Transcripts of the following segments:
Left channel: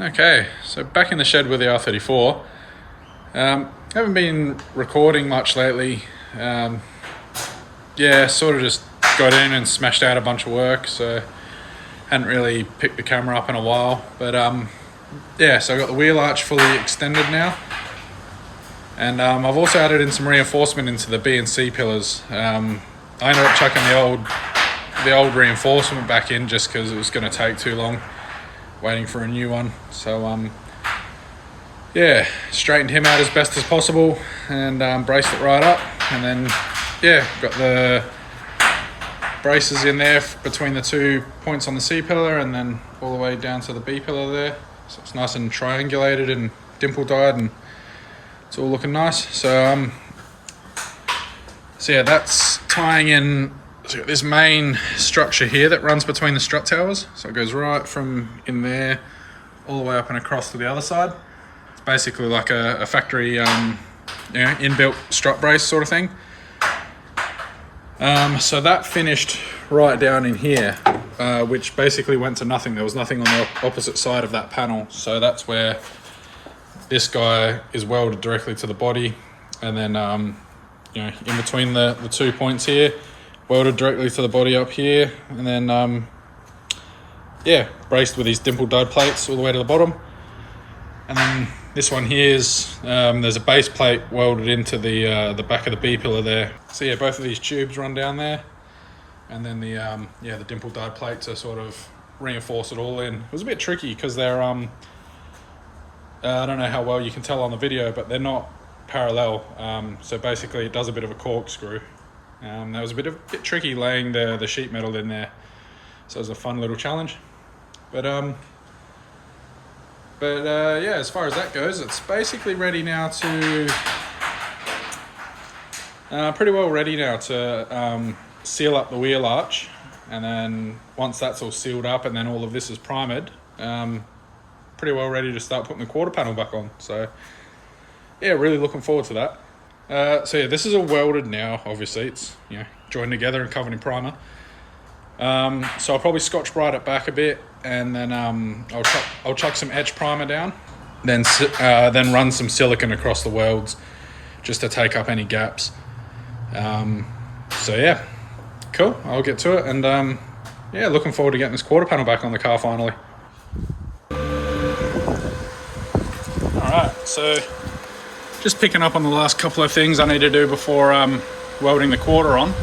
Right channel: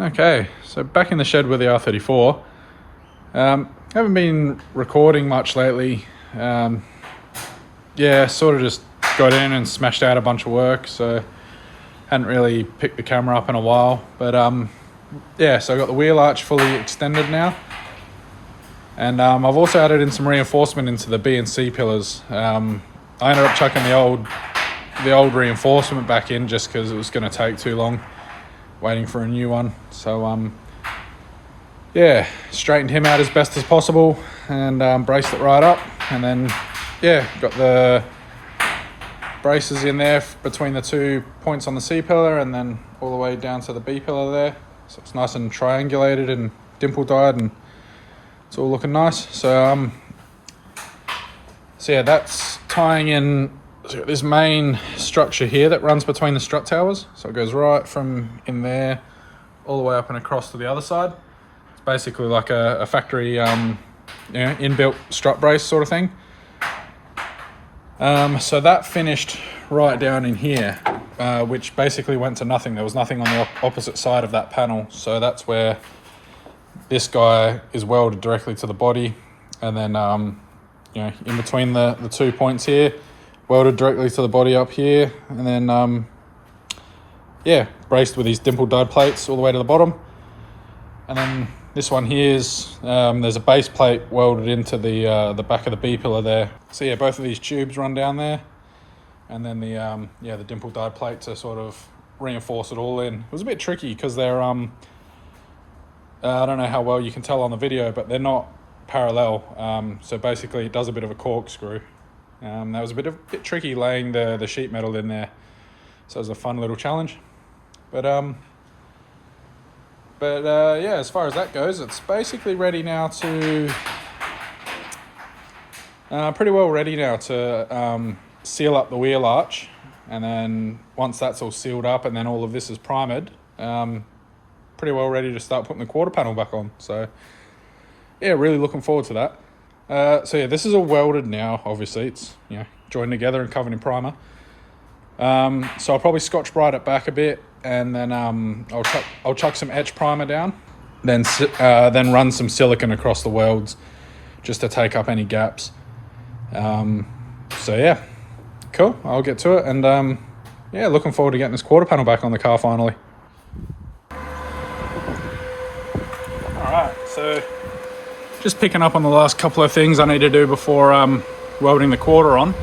Okay, so back in the shed with the R34. Haven't been recording much lately. Yeah, sort of just got in and smashed out a bunch of work, so hadn't really picked the camera up in a while. But yeah, so I got the wheel arch fully extended now, and I've also added in some reinforcement into the B and C pillars. I ended up chucking the old reinforcement back in just because it was going to take too long waiting for a new one. So yeah, straightened him out as best as possible and braced it right up, and then yeah, got the braces in there between the 2 points on the C pillar and then all the way down to the B pillar there, so it's nice and triangulated and dimple dyed and it's all looking nice. So yeah, that's tying in this main structure here that runs between the strut towers. So it goes right from in there all the way up and across to the other side. It's basically like a factory inbuilt strut brace sort of thing. So that finished right down in here, which basically went to nothing. There was nothing on the opposite side of that panel. So that's where this guy is welded directly to the body, and then in between the 2 points here, welded directly to the body up here, and then yeah, braced with these dimple dyed plates all the way to the bottom. And then this one here is there's a base plate welded into the back of the B pillar there. So yeah, both of these tubes run down there, and then the dimple dyed plate to sort of reinforce it all in. It was a bit tricky because they're I don't know how well you can tell on the video, but they're not parallel. So basically it does a bit of a corkscrew. That was a bit tricky laying the sheet metal in there, so it was a fun little challenge. But yeah, as far as that goes, it's basically ready now to pretty well ready now to seal up the wheel arch, and then once that's all sealed up and then all of this is primed, pretty well ready to start putting the quarter panel back on. So yeah, really looking forward to that. So yeah, this is all welded now. Obviously it's joined together and covered in primer. So I'll probably Scotch-Brite it back a bit, and then I'll chuck some etch primer down, then run some silicone across the welds just to take up any gaps. So yeah, cool, I'll get to it, and yeah, looking forward to getting this quarter panel back on the car finally. Alright, so just picking up on the last couple of things I need to do before welding the quarter on.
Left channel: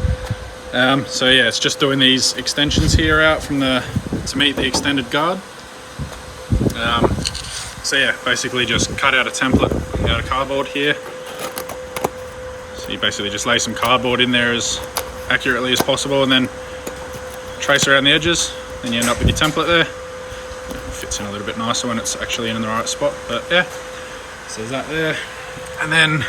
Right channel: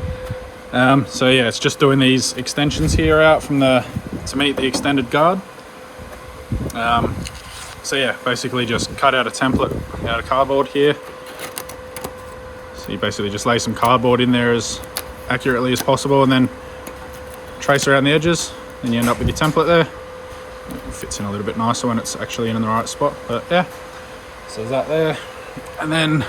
So yeah, it's just doing these extensions here out from to meet the extended guard. So yeah, basically just cut out a template out of cardboard here. So you basically just lay some cardboard in there as accurately as possible, and then trace around the edges, and you end up with your template there. It fits in a little bit nicer when it's actually in the right spot, but yeah, so there's that there. And then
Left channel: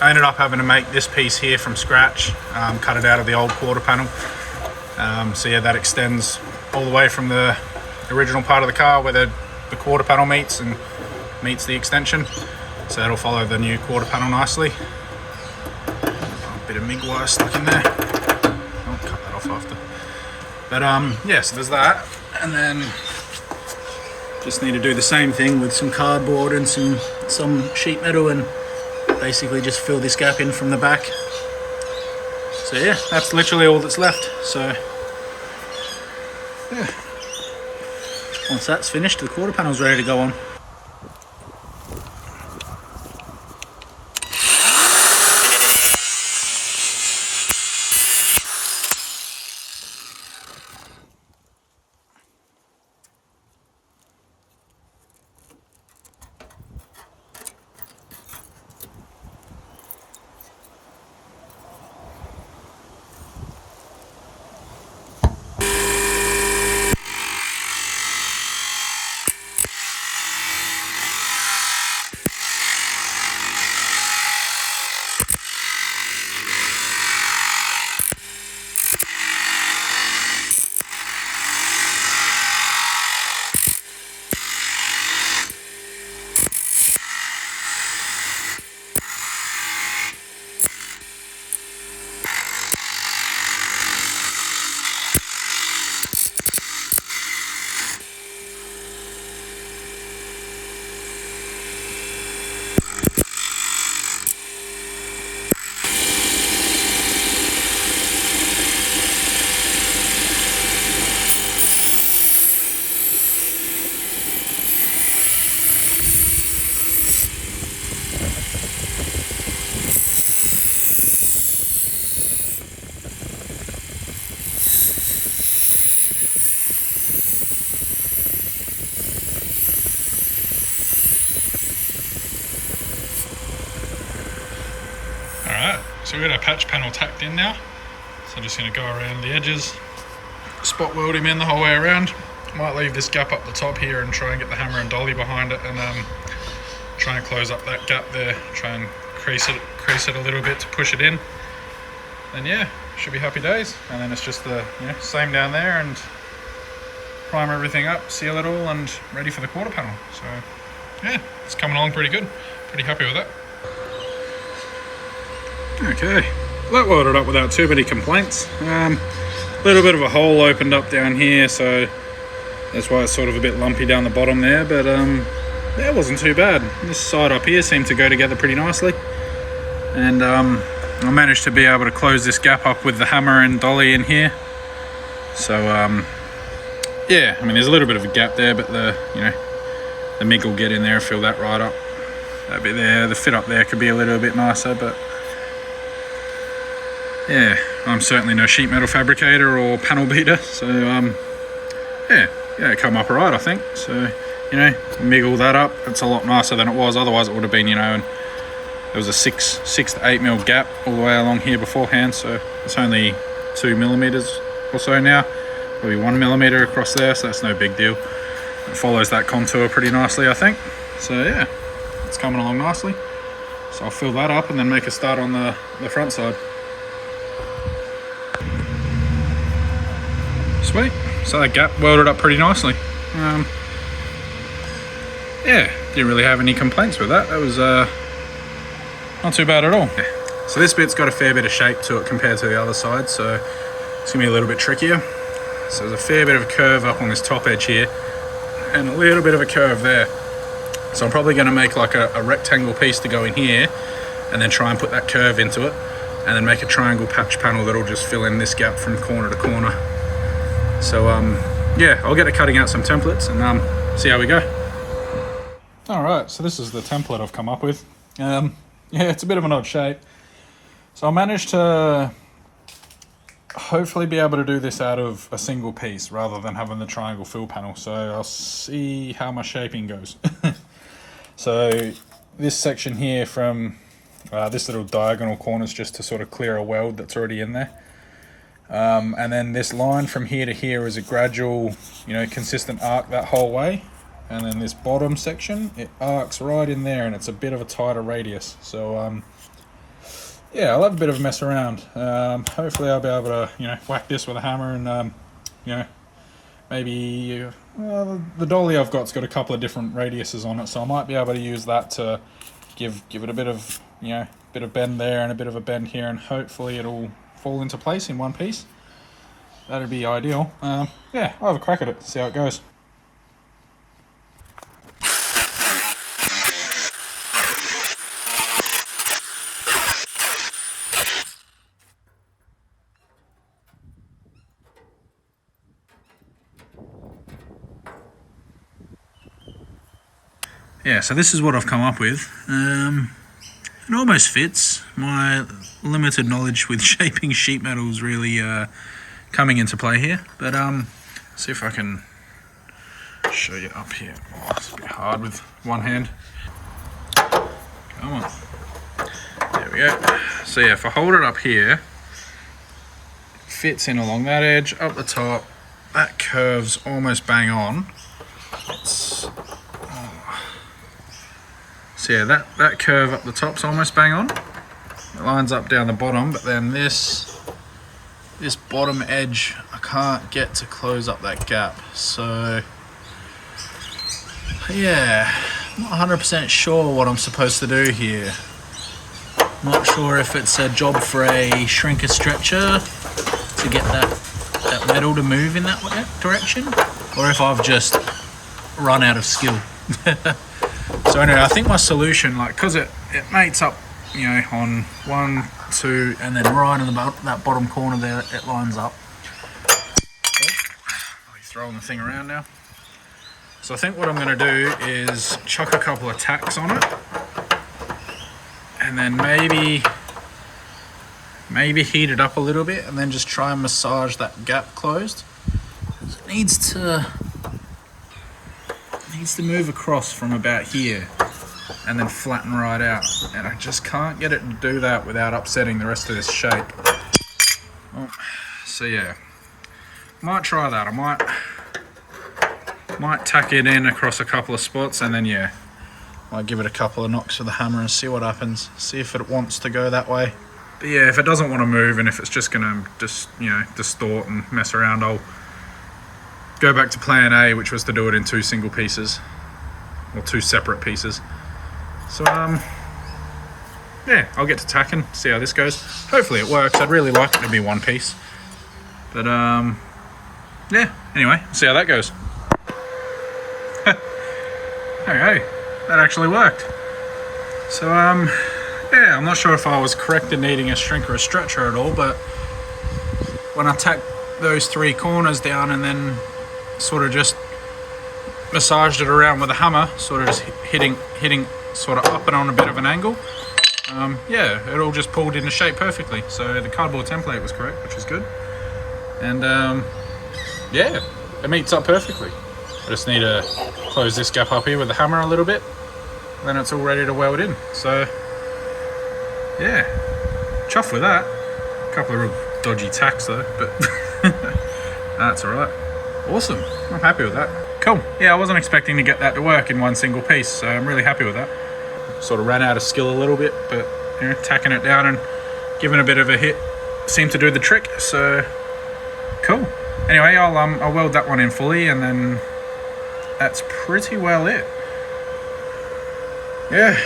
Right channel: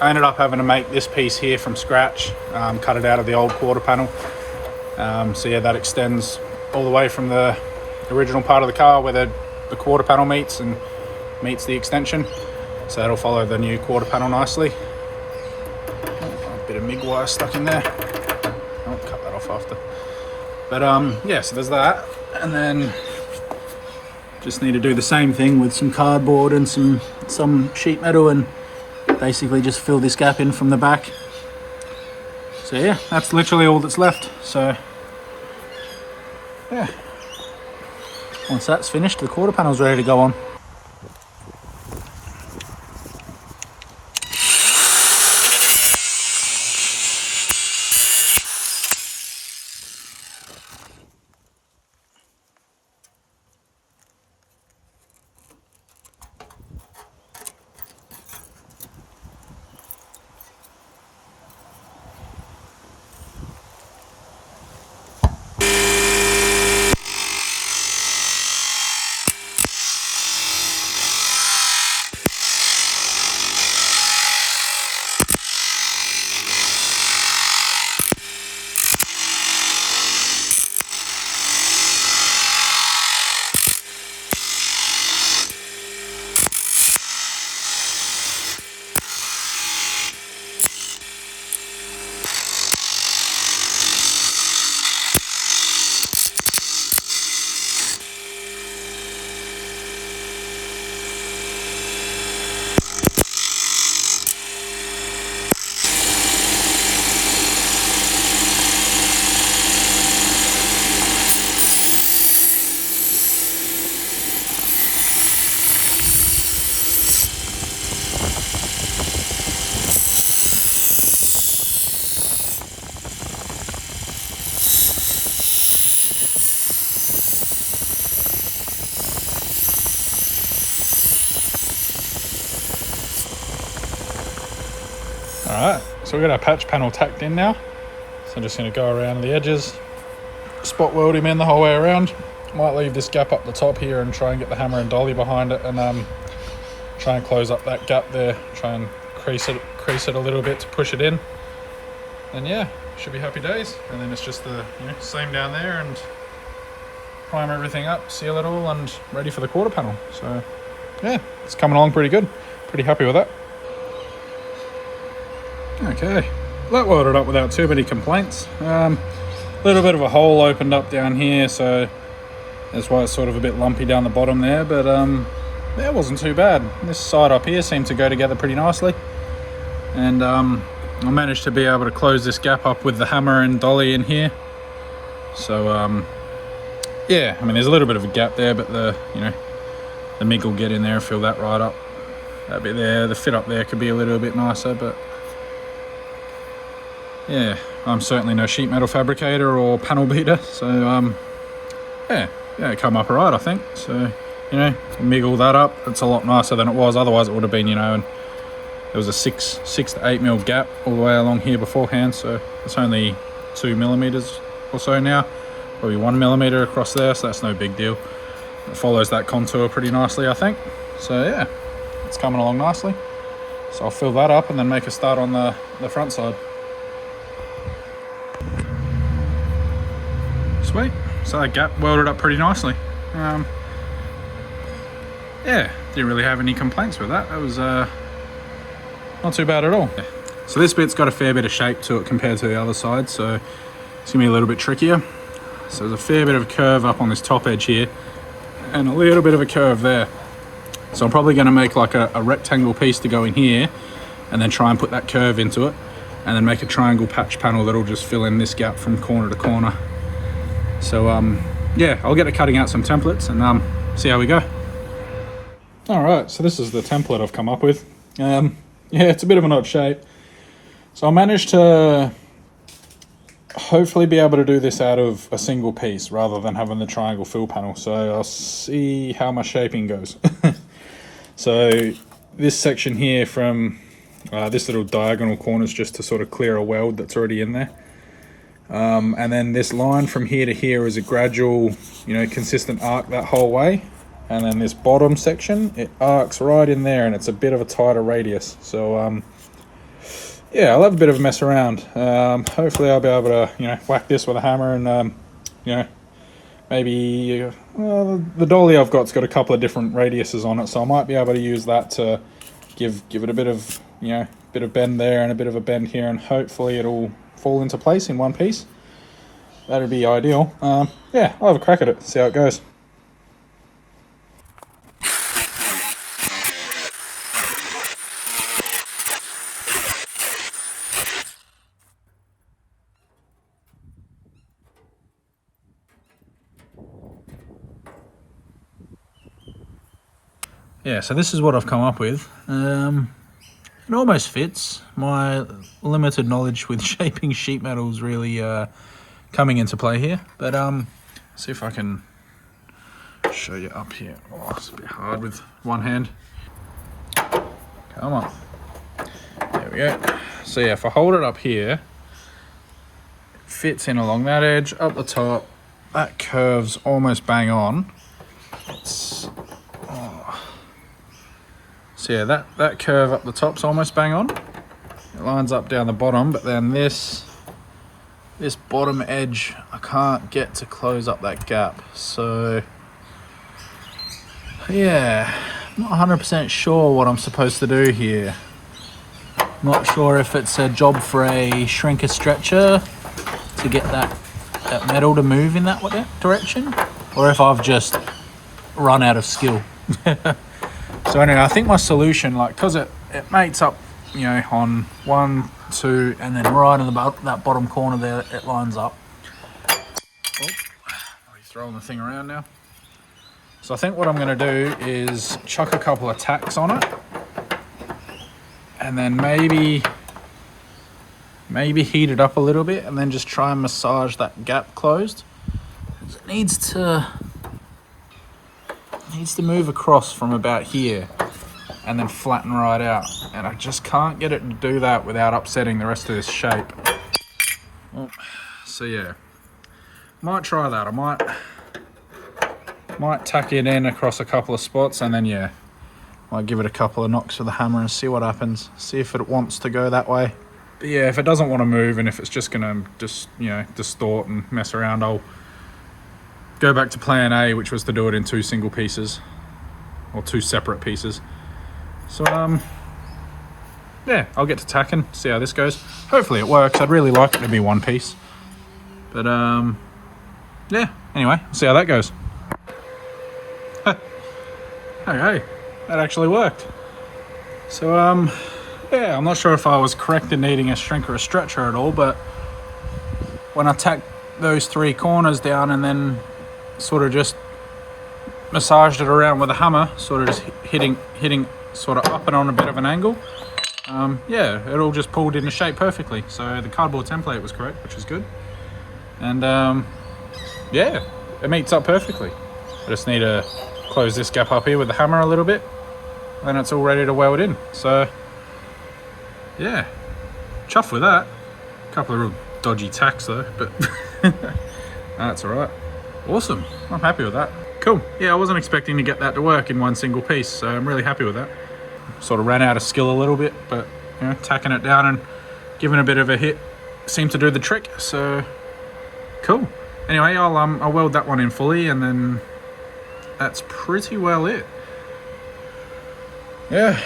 I ended up having to make this piece here from scratch, cut it out of the old quarter panel. So yeah, that extends all the way from the original part of the car where the quarter panel meets the extension. So that'll follow the new quarter panel nicely. A bit of MIG wire stuck in there. I'll cut that off after. But yeah, so there's that. And then just need to do the same thing with some cardboard and some sheet metal, and basically just fill this gap in from the back. So yeah, that's literally all that's left. So yeah, once that's finished, the quarter panel's ready to go on. Alright, so we've got our patch panel tacked in now. So I'm just going to go around the edges, spot weld him in the whole way around. Might leave this gap up the top here and try and get the hammer and dolly behind it and try and close up that gap there. Try and crease it a little bit to push it in. And yeah, should be happy days. And then it's just the same down there, and prime everything up, seal it all, and ready for the quarter panel. So yeah, it's coming along pretty good. Pretty happy with that. Okay, that welded up without too many complaints. A little bit of a hole opened up down here, so that's why it's sort of a bit lumpy down the bottom there, but that wasn't too bad. This side up here seemed to go together pretty nicely, and I managed to be able to close this gap up with the hammer and dolly in here. So yeah, I mean, there's a little bit of a gap there, but the MIG will get in there and fill that right up. That bit there, the fit up there could be a little bit nicer, but yeah, I'm certainly no sheet metal fabricator or panel beater, so yeah, come up alright, I think. So MIG all that up. It's a lot nicer than it was. Otherwise, it would have been and there was a 6 to 8 mil gap all the way along here beforehand. So it's only 2 millimeters or so now, probably 1 millimeter across there. So that's no big deal. It follows that contour pretty nicely, I think. So yeah, it's coming along nicely. So I'll fill that up and then make a start on the front side. Sweet. So that gap welded up pretty nicely. Yeah, didn't really have any complaints with that. That was not too bad at all. So this bit's got a fair bit of shape to it compared to the other side, so it's gonna be a little bit trickier. So there's a fair bit of a curve up on this top edge here, and a little bit of a curve there. So I'm probably gonna make like a rectangle piece to go in here, and then try and put that curve into it, and then make a triangle patch panel that'll just fill in this gap from corner to corner. So yeah, I'll get to cutting out some templates and see how we go. Alright, so this is the template I've come up with. Yeah, it's a bit of an odd shape. So I managed to hopefully be able to do this out of a single piece rather than having the triangle fill panel. So I'll see how my shaping goes. So this section here from this little diagonal corner is just to sort of clear a weld that's already in there. And then this line from here to here is a gradual, consistent arc that whole way. And then this bottom section, it arcs right in there, and it's a bit of a tighter radius. So yeah, I'll have a bit of a mess around. Hopefully I'll be able to whack this with a hammer and maybe the dolly I've got's got a couple of different radiuses on it, so I might be able to use that to give it a bit of bit of bend there and a bit of a bend here, and hopefully it'll fall into place in one piece. That'd be ideal. Yeah, I'll have a crack at it, see how it goes. Yeah, so this is what I've come up with. It almost fits. My limited knowledge with shaping sheet metal is really coming into play here. But see if I can show you up here. Oh, it's a bit hard with one hand. Come on. There we go. So yeah, if I hold it up here, it fits in along that edge, up the top. That curve's almost bang on. So yeah, that curve up the top's almost bang on. It lines up down the bottom, but then this bottom edge, I can't get to close up that gap. So yeah, not 100% sure what I'm supposed to do here. Not sure if it's a job for a shrinker stretcher to get that metal to move in that direction, or if I've just run out of skill. So anyway, I think my solution, because it mates up, on 1, 2, and then right in that bottom corner there, it lines up. I'm throwing the thing around now. So I think what I'm going to do is chuck a couple of tacks on it, and then maybe heat it up a little bit, and then just try and massage that gap closed. It needs to move across from about here. and then flatten right out. And I just can't get it to do that without upsetting the rest of this shape. So yeah, might try that. I might tack it in across a couple of spots, and then yeah, might give it a couple of knocks with the hammer and see what happens. See if it wants to go that way. But yeah, if it doesn't want to move and if it's just gonna just, you know, distort and mess around, I'll go back to plan A, which was to do it in 2 single pieces, or 2 separate pieces. So yeah, I'll get to tacking, see how this goes. Hopefully it works. I'd really like it to be 1 piece, but yeah, anyway, see how that goes. Okay, that actually worked. So yeah, I'm not sure if I was correct in needing a shrink or a stretcher at all, but when I tacked those 3 corners down and then sort of just massaged it around with a hammer, sort of just hitting sort of up and on a bit of an angle, yeah, it all just pulled into shape perfectly. So the cardboard template was correct, which is good. And yeah, it meets up perfectly. I just need to close this gap up here with the hammer a little bit, and then it's all ready to weld in. So yeah, chuffed with that. A couple of real dodgy tacks though, but that's all right. Awesome, I'm happy with that. Cool. Yeah, I wasn't expecting to get that to work in 1 single piece, so I'm really happy with that. Sort of ran out of skill a little bit, but you know, tacking it down and giving a bit of a hit seemed to do the trick. So cool. Anyway, I'll weld that one in fully, and then that's pretty well it. Yeah.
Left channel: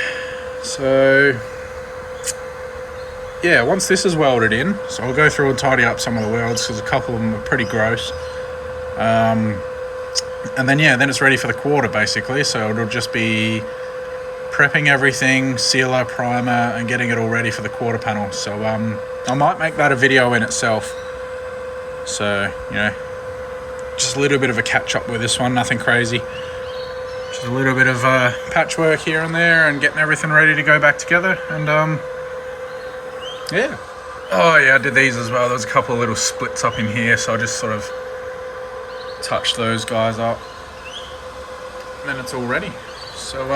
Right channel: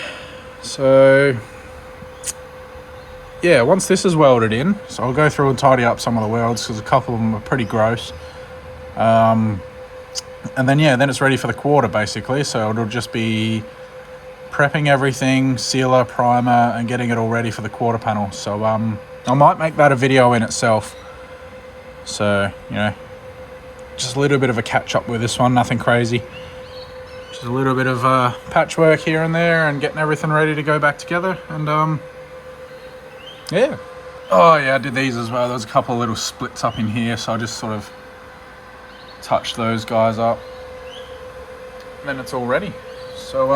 So yeah, once this is welded in, so I'll go through and tidy up some of the welds because a couple of them are pretty gross. And then yeah, then it's ready for the quarter basically. So it'll just be prepping everything, sealer, primer, and getting it all ready for the quarter panel. So I might make that a video in itself. So, you know, just a little bit of a catch up with this one, nothing crazy. Just a little bit of patchwork here and there and getting everything ready to go back together. And yeah. Oh yeah, I did these as well. There's a couple of little splits up in here, so I just sort of touched those guys up. And then it's all ready. So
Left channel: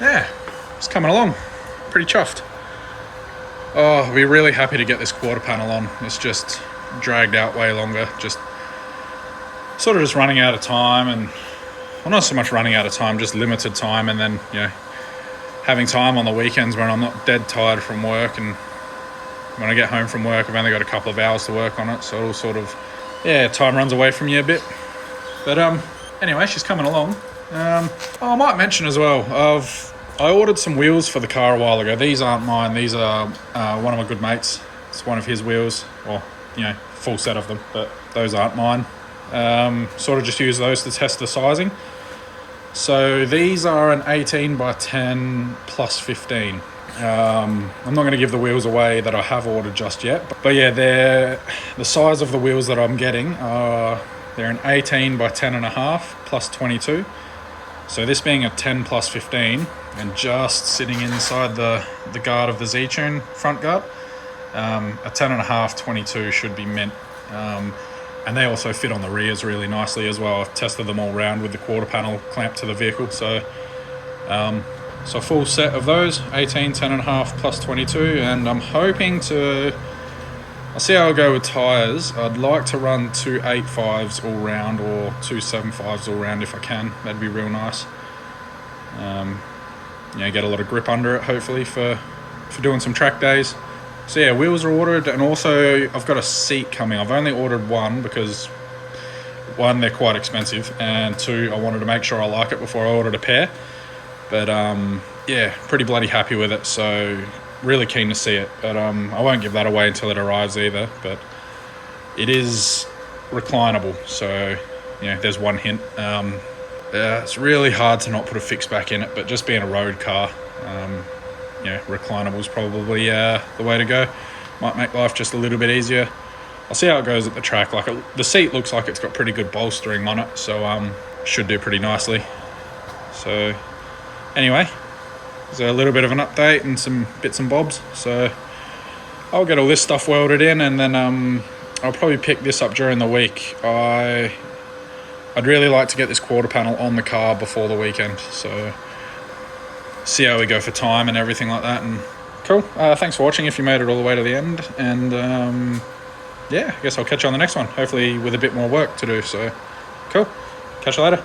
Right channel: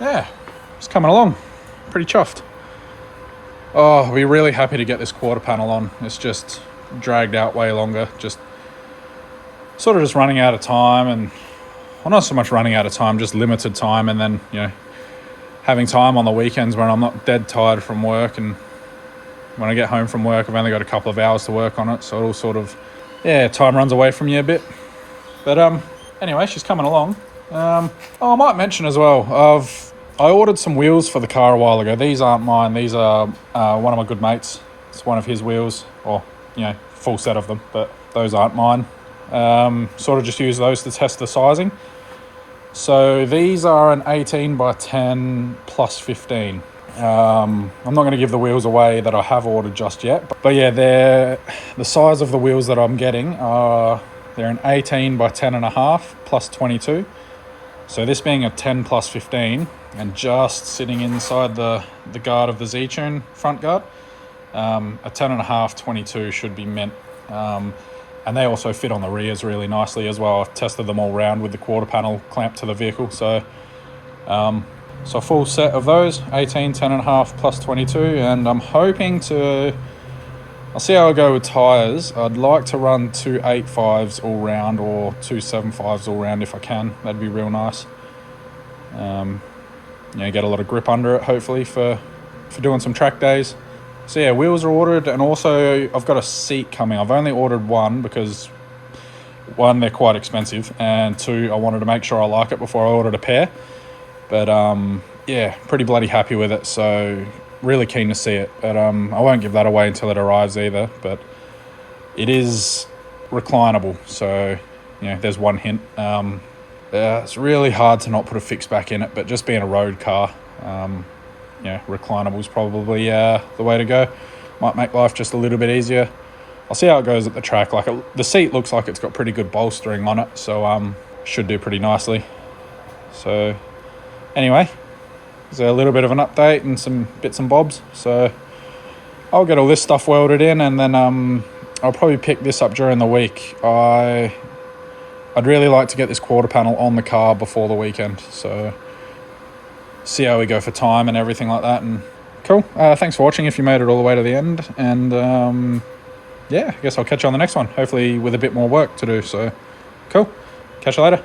yeah, it's coming along. Pretty chuffed. Oh, I'll be really happy to get this quarter panel on. It's just dragged out way longer. Just sort of just running out of time, and well, not so much running out of time, just limited time, and then, you know, having time on the weekends when I'm not dead tired from work, and when I get home from work, I've only got a couple of hours to work on it, so it'll sort of, yeah, time runs away from you a bit. But anyway, she's coming along. Oh, I might mention as well, I ordered some wheels for the car a while ago. These aren't mine. These are one of my good mates. It's one of his wheels, or, you know, full set of them, but those aren't mine. Sort of just use those to test the sizing. So these are an 18 by 10 plus 15. I'm not going to give the wheels away that I have ordered just yet, but yeah, the size of the wheels that I'm getting are, they're an 18 by 10 and a half plus 22. So this being a 10 plus 15, and just sitting inside the guard of the Z-Tune front guard, a 10 and a half 22 should be meant. And they also fit on the rears really nicely as well. I've tested them all round with the quarter panel clamped to the vehicle. So so a full set of those, 18, 10 and a half plus 22. And I'm hoping to, I'll see how I go with tyres. I'd like to run 2 8.5s all round, or 2 7.5s all round if I can. That'd be real nice. You know, get a lot of grip under it, hopefully, for doing some track days. So yeah, wheels are ordered, and also I've got a seat coming. I've only ordered one because, one, they're quite expensive, and two, I wanted to make sure I like it before I ordered a pair. But yeah, pretty bloody happy with it, so really keen to see it. But I won't give that away until it arrives either. But it is reclinable, so yeah, there's one hint. Yeah, it's really hard to not put a fix back in it, but just being a road car, yeah, reclinable is probably the way to go. Might make life just a little bit easier. I'll see how it goes at the track. Like, the seat looks like it's got pretty good bolstering on it, so should do pretty nicely. So anyway, there's a little bit of an update and some bits and bobs. So I'll get all this stuff welded in, and then I'll probably pick this up during the week. I'd really like to get this quarter panel on the car before the weekend, so see how we go for time and everything like that. And cool. Thanks for watching if you made it all the way to the end. And yeah, I guess I'll catch you on the next one, hopefully with a bit more work to do. So cool. Catch you later.